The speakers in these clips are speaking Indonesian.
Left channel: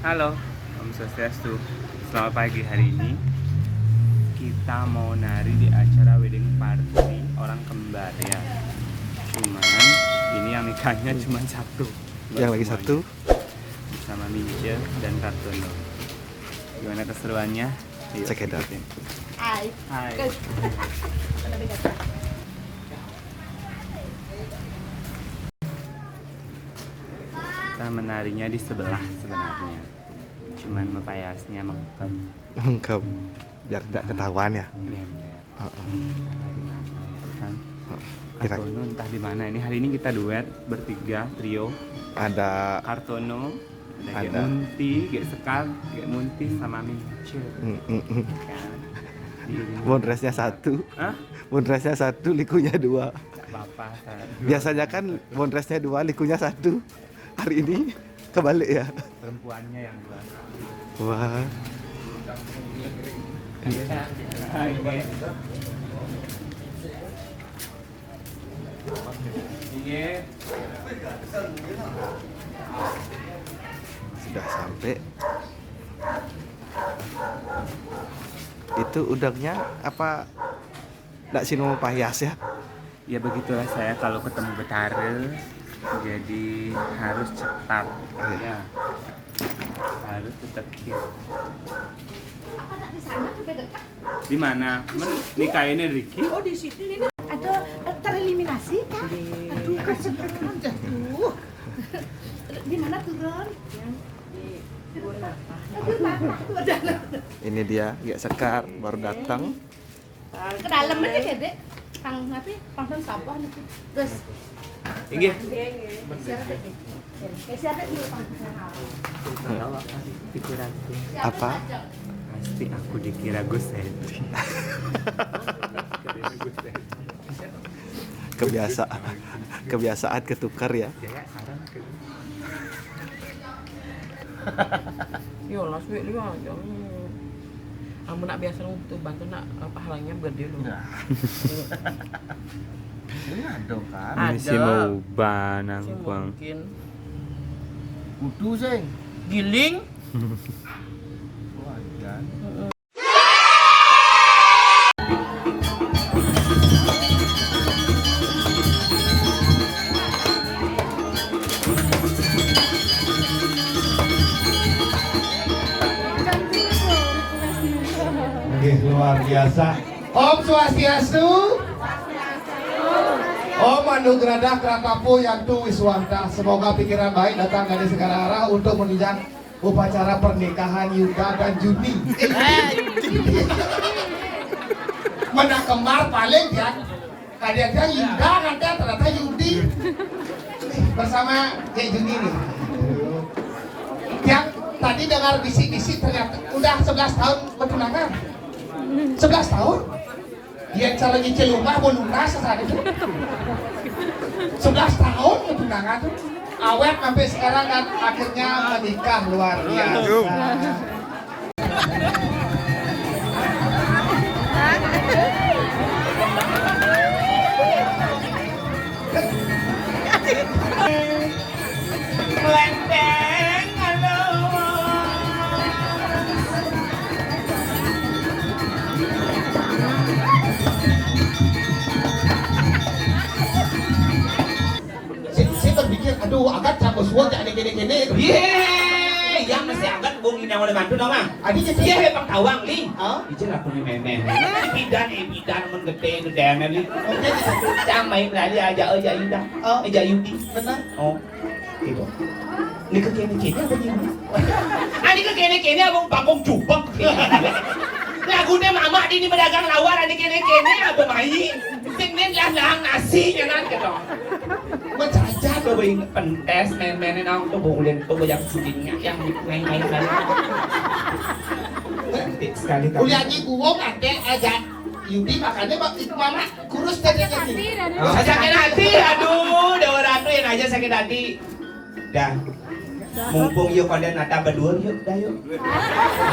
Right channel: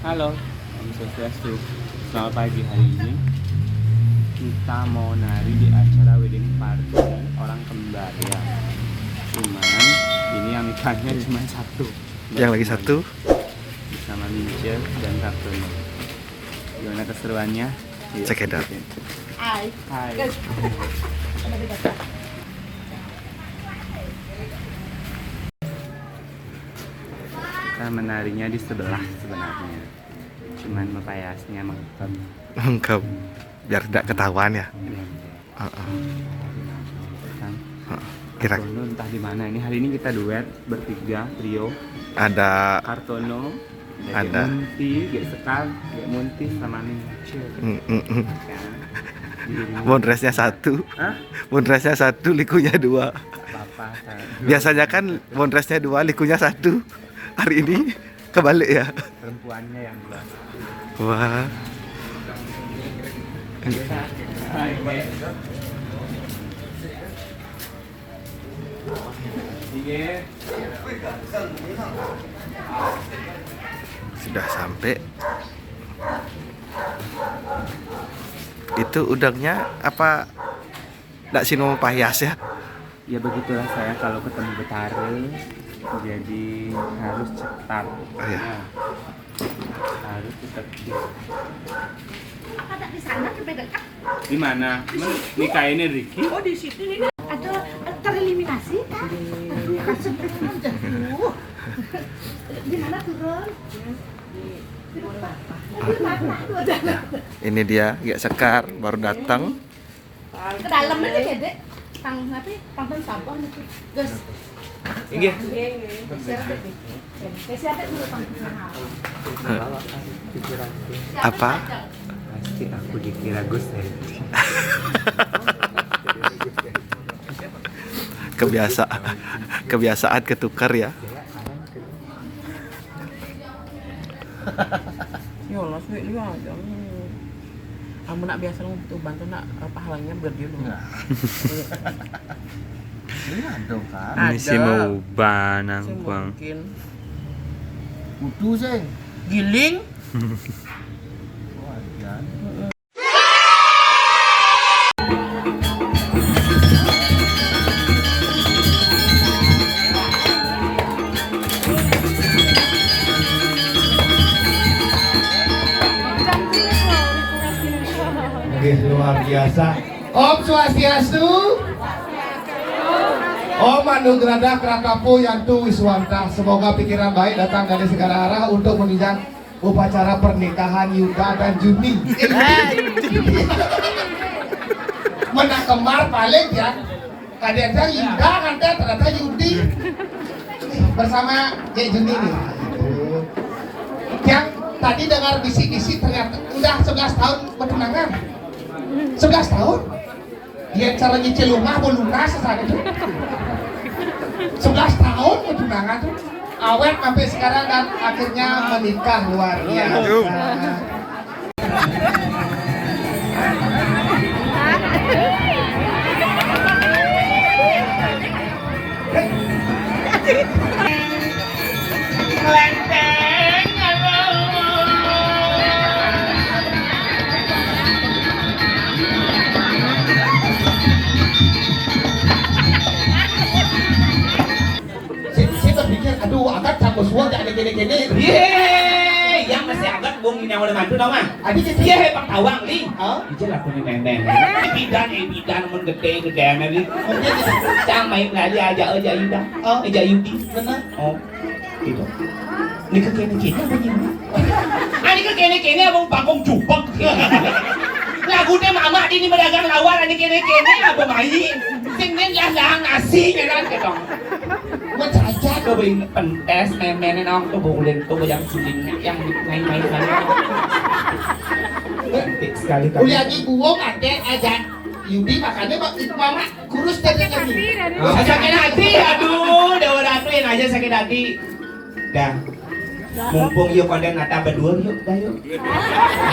Halo, Om Swastiastu. Selamat pagi. Hari ini kita mau nari di acara wedding party orang kembar ya. Cuman ini yang nikahnya cuma satu. Yang lagi satu bersama Mince dan Kartono. Gimana keseruannya? Yuk, Cekedar. ikutin. Hai. Hai. Kita menarinya di sebelah sebenarnya. Cuman mepayasnya mantap. lengkap biar tidak ketahuan ya. Iya. Kan Kira Kartono entah di mana ini. Hari ini kita duet bertiga trio. ada Kartono, Ada. Munti, Gek Sekar, Gek Munti sama Mince. bondresnya satu, Hah? bondresnya satu, likunya dua. Apa-apa. Biasanya kan bondresnya dua, likunya satu. Hari ini kebalik ya. Perempuannya yang dua. Wah, sudah sampai. Itu udangnya apa? Nggak sino payas ya? Ya begitulah saya kalau ketemu betare, jadi harus cepat. Oh, ya. Ya. Harus tetap Ada di sana sampai dekat. di mana? Nikah ini Ricky? Oh di situ ini ada tereliminasi kan? Aduh kasih turun jatuh. Di mana turun? Di rumah tuh ada. Ini dia, Gek Sekar baru datang. Ke dalam aja ya dek. Pang apa? Pangton sampah itu. Gus. Inggih. Siapa di pangton sampah? Pikiranku. Apa? Pasti aku dikira Gus ya. Kebiasaan ketukar ya. Yo lah sulit lu aja. Kamu nak biasa tuh bantu nak pahalanya gede lu. Ini ada kan? Ini sih mau banang kuang. Mungkin Kudu sih. giling. Wajan. Oke, luar biasa. Om Swastiastu. Om Anugerah Krakapo Yantu Wiswanta. Semoga pikiran baik datang dari segala arah untuk menunjang upacara pernikahan Yuda dan Juni. Mana kemar paling ya. Kadang-kadang Yuda nanti ternyata Yudi bersama Dek Juni nih. Yang tadi dengar bisik-bisik ternyata udah 11 tahun bertunangan. 11 tahun? Dia cara nyicil rumah mau lunas saat itu. 11 tahun bertunangan tuh. Awet sampai sekarang dan akhirnya menikah, luar biasa. Saya berpikir, aduh, agak campur suara jadi gini-gini. Yeay, yang masih agak bung ini yang mantu dong ah. Adi jadi Iya hepang tawang li. Oh, Ijel aku nih nenek. Bidan mun gede nanti. oh jadi Cang main lagi aja Yuda. Oh, aja Yudi. benar. Oh, gitu. Ini ke kene apa gimana? Ini ke kene abang pangkong jupek. Lagunya mama di ini pedagang lawar ini kene apa main. Sing nen lah nasi nyaran ketong. bing pentes men ang to bukulin to yang sudingnya yang main-main kali. Cantik sekali kamu. Udah lagi buang ada Yudi makannya itu mama kurus tadi yang ini. Sakit hati, aduh, dewa ratu yang aja sakit hati. Dah, mumpung yuk pada nata berdua yuk, dah yuk.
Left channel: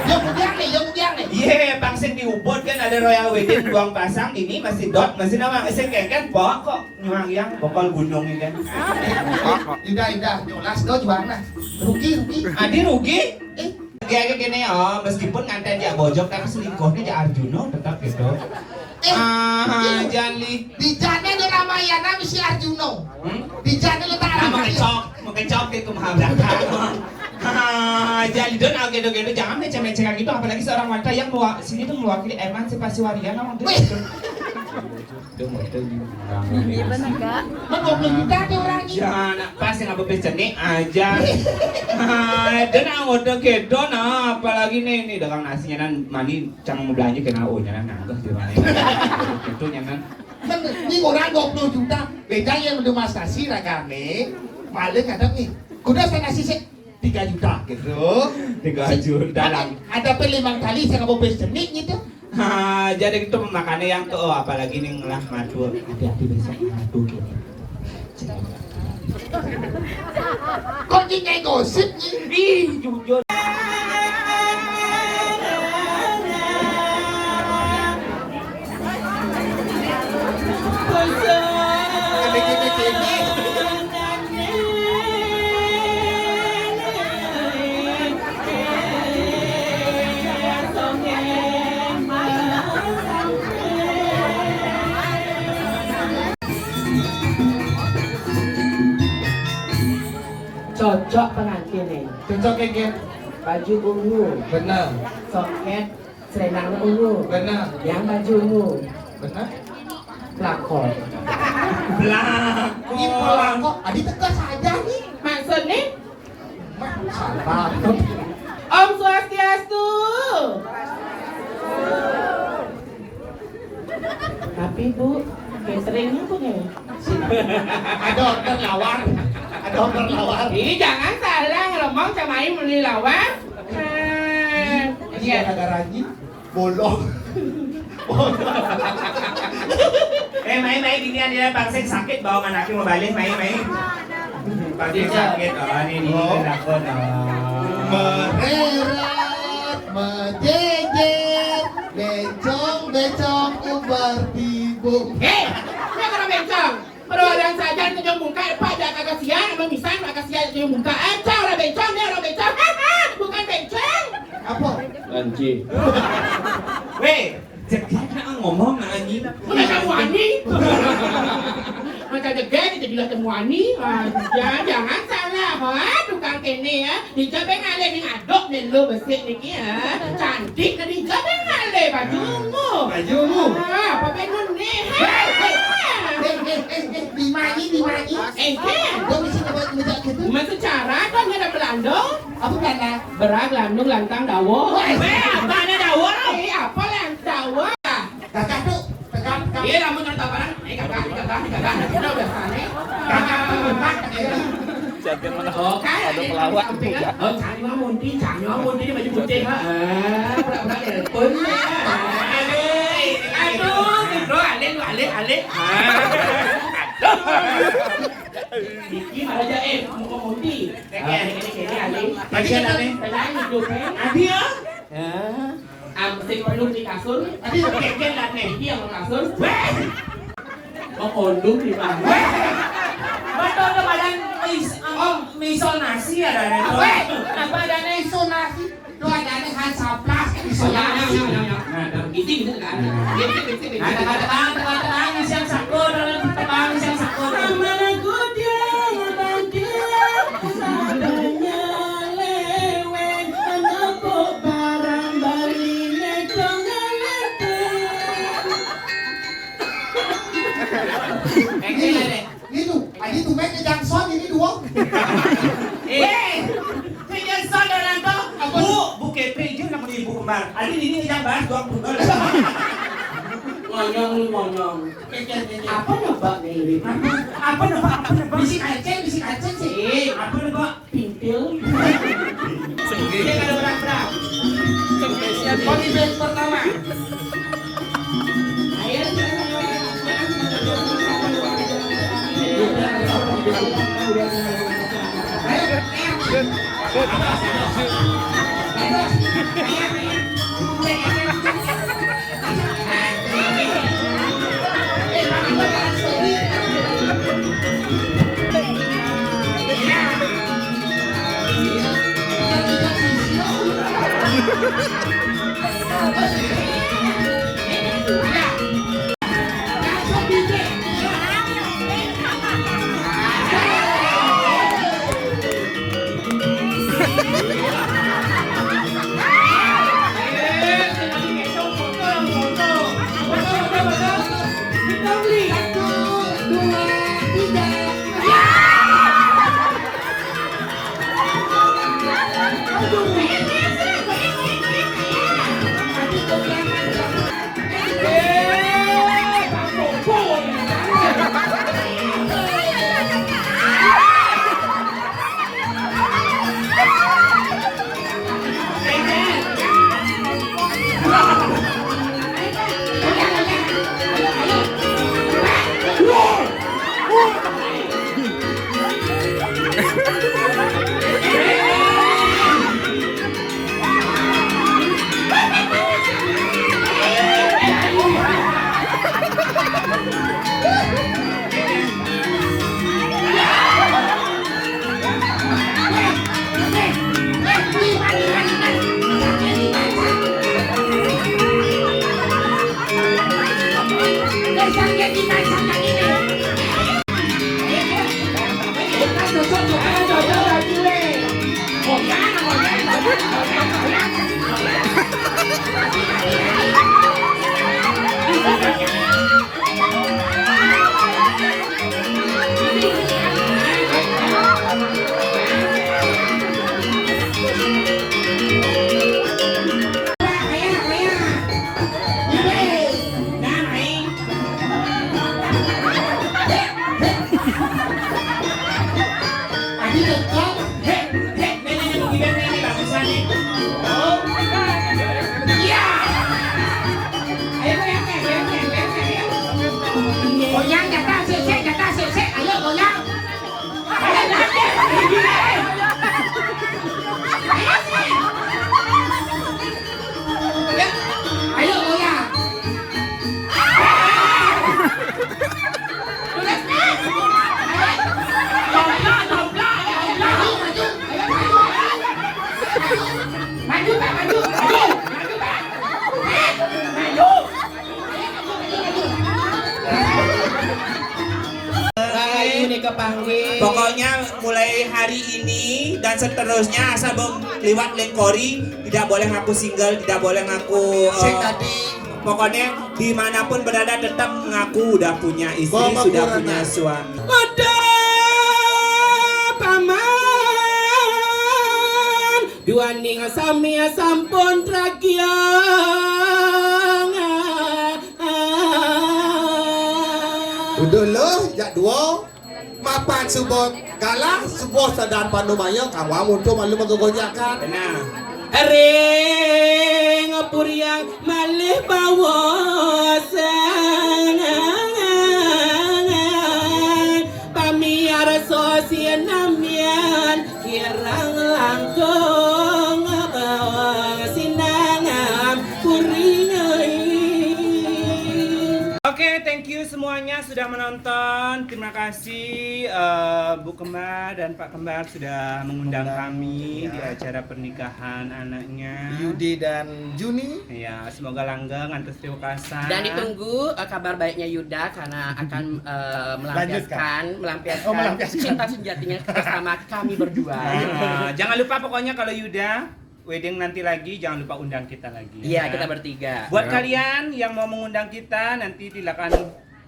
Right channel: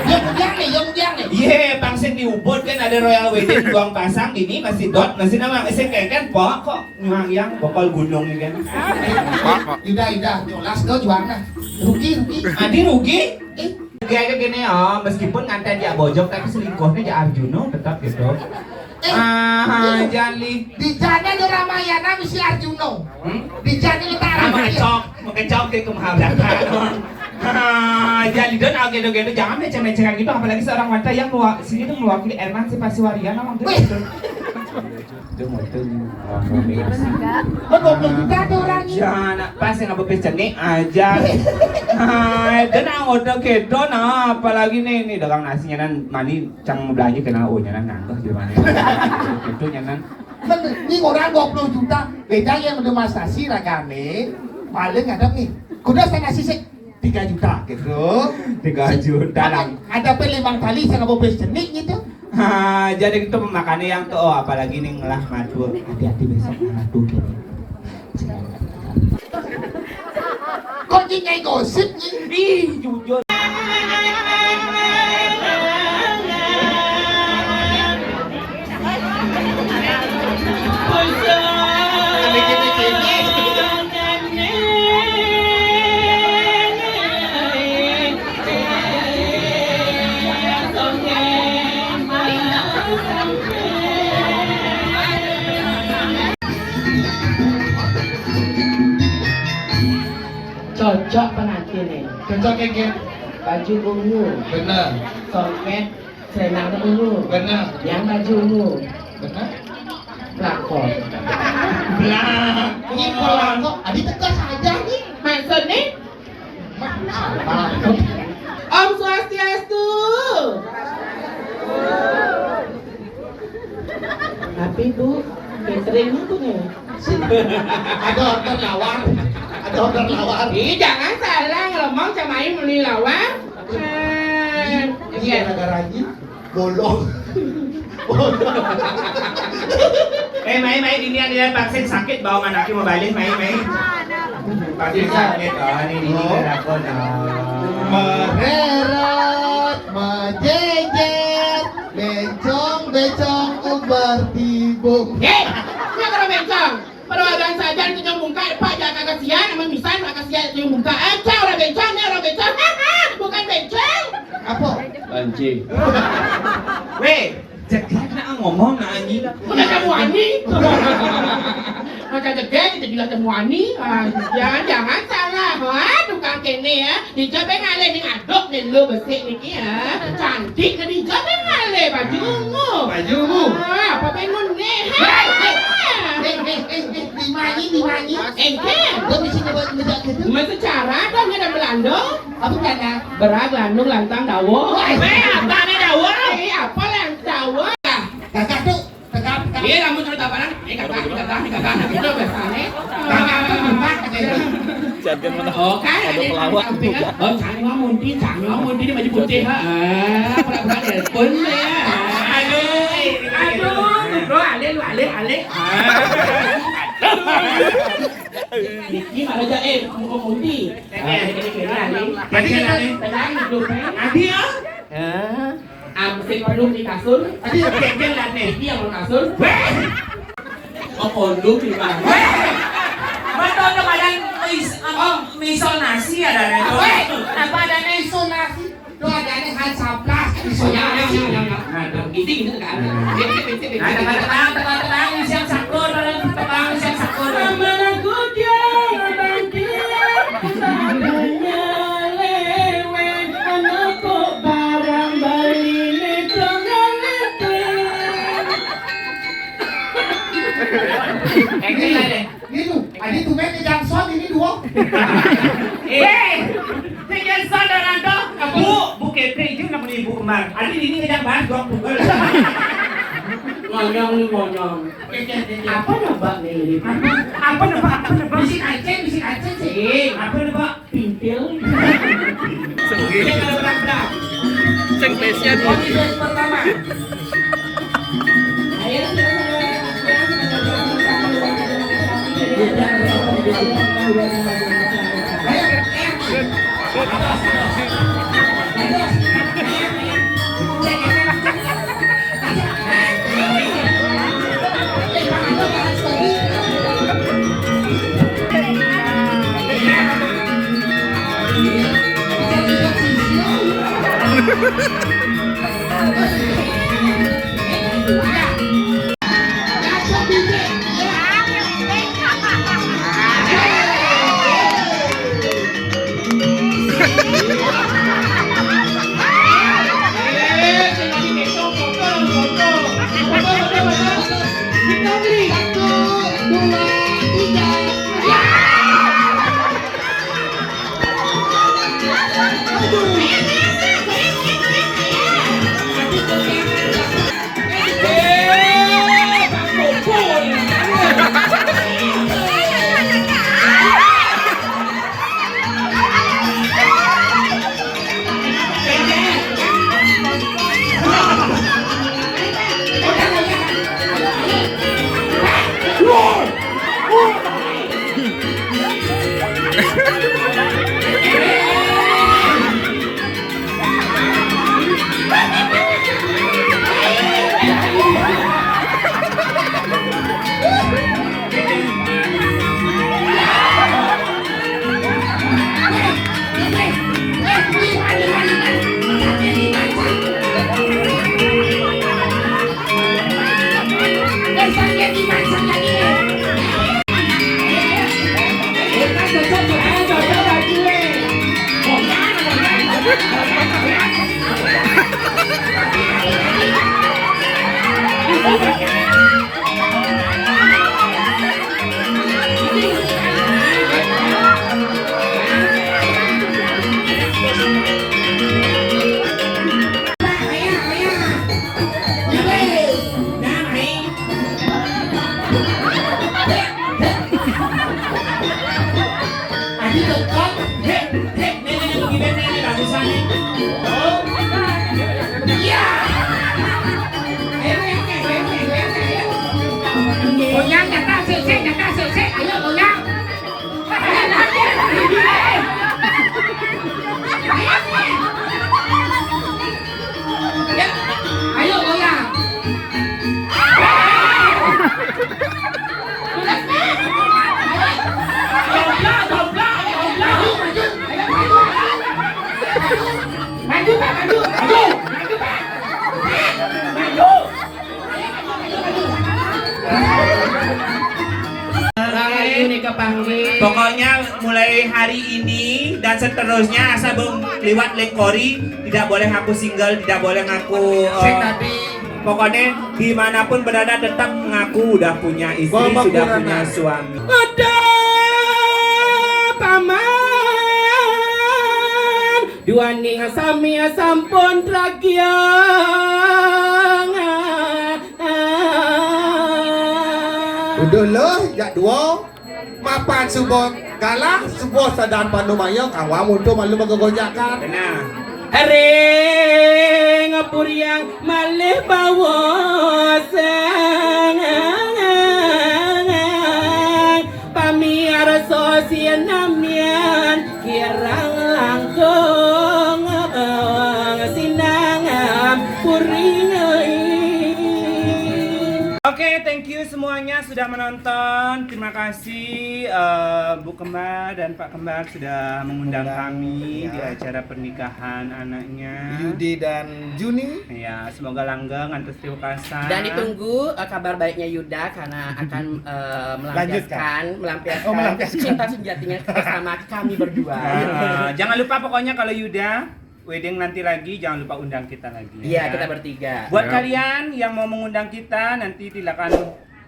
Yung nih. Iya, pangsit di Ubud kan ada Royal Wedding Buang Pasang, ini masih dot, masih nama, masih kayak pok kok yang bokal gunung ini kan. Udah, jelas kau juang nah. Rugi. Adi rugi? Kayak gini oh, meskipun nganten dia bojok tapi selingkuhnya dia Arjuno tetap gitu. Jangan Di jana ada Ramayana misi Arjuno. Di jana itu Mengecok ke kemahabratan. Jadi don gitu jangan macam-macam gitu apalagi seorang wanita yang sini tuh mewakili Erman si Pasiwarian orang gitu. Itu mau itu Belum juga tuh orangnya. jangan pas yang apa nih aja. Dan anggota gitu nah apalagi nih dagang nasinya nan mani cang belanja kena nya nan nganggah di mana. Itu nyanan. Ini orang 20 juta. Beda yang mendemonstrasi ragane. Paling ada nih. Kuda saya ngasih sih 3 juta gitu. 3 juta lah. Ada pelimang kali saya nggak boleh jenik gitu. Jadi itu makannya yang tuh apalagi nih ngelah madu. Hati-hati besok madu gini. Kok nyai gosip nih? Ih, jujur. Cocok pengantin nih. Cocok kayak Baju ungu, bener, soket, selendang ungu. bener, Yang baju ungu, bener. pelakon. Ini pulang kok, adi tegas aja nih. Maksudnya? Sabar. Om Swastiastu. Tapi Bu, cateringnya punya. Ada order lawar. Ih, jangan salah kalau mau sama Ayu beli lawar. Iya, gara-garanya bolong. Mai ini ada vaksin sakit bawa anaknya mau balik Mai. Vaksin sakit ini aku Mereret, menjejer, bencong ubar tibu. Hei, ini kalau bencong. Perwakilan saja itu yang buka, Pak jangan kasihan, emang bisa kasihan yang buka aja orang bencong, bukan bencong. Apa? Banci. Weh, jangan ngomong ani. Udah kamu ani. Macam degek kita bilang kamu ani. Jangan salah, tukang kene ya. Dicoba ngale nih aduk nih lu bersih nih ya. Cantik kan dicoba ngale bajumu. Apa pengen nih? Lima ini. Gue bisa ngebak gitu. Macam cara kan ada Belanda. Apa Belanda? Berak landung lantang dawo. Apa nih dawo? Apa dawo? Kakak tuh, kakak. Iya, kamu cerita apa nang? Kakak. Itu biasanya. Kakak empat. Oh, kan ada pelawak. Oh, canggih munti dia baju putih ha. Pura-pura pun ya. Aduh, lu alik. Ini malah jae, mau munti. Ini alik. Tenang hidup Adi ya. Amsik perlu di kasur. Adi keken lah nih, dia mau kasur. Mau kondom di mana? Betul dong ada miso nasi ada itu. Kenapa ada iso nasi? Lu ada Hansaplas. Oh ya. Nah, gitu kan. Tenang, siap sakur, siap sakur. Amaku dia banjir, sadanya lewat, menepuk barang bali netongan Itu, adi tuh main di Jackson ini dua. Jangan dalam tu. Bu kepe je nak beli bu kembar. Adi ini ngejak bahas gua Google. Ngonyong. Apa nampak nih? Apa nampak? Bisi kacang. Komisi pertama. Ayo, goyang jatah sik ayo goyang. Ya, ayo goyang. Maju Pak, maju. Pokoknya mulai hari ini dan seterusnya asal lewat Lengkori tidak boleh ngaku single, tidak boleh ngaku pokoknya dimanapun berada tetap mengaku udah punya istri, sudah punya suami. Ada paman dua ning sami sampun tragiang. Udah loh, jak dua. Mapan subot kalah, subot sadar pandu mayong kawamu tuh malu menggojakan. Benar. Ring puriang malih bawa pamiar sosial namian kirang langkung sinangam kuring. Oke, thank you semuanya sudah menonton. Terima kasih Bu Kembar dan Pak Kembar sudah mengundang kami di acara pernikahan anaknya Yudi dan Juni. Ya, semoga langgeng antus tiwakasan. Dan ditunggu kabar baiknya Yuda karena akan melampiaskan cinta sejatinya bersama kami berdua. Jangan lupa pokoknya kalau Yuda wedding nanti lagi jangan lupa undang kita lagi. Iya, kita bertiga. Buat kalian yang mau mengundang kita nanti silakan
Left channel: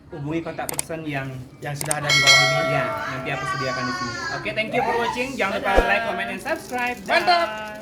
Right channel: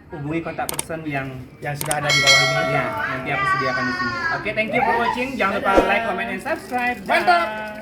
hubungi kontak person yang sudah ada di bawah ini. ya nanti aku sediakan di sini. Oke, thank you for watching. Jangan lupa like, comment, and subscribe. Mantap. Bye.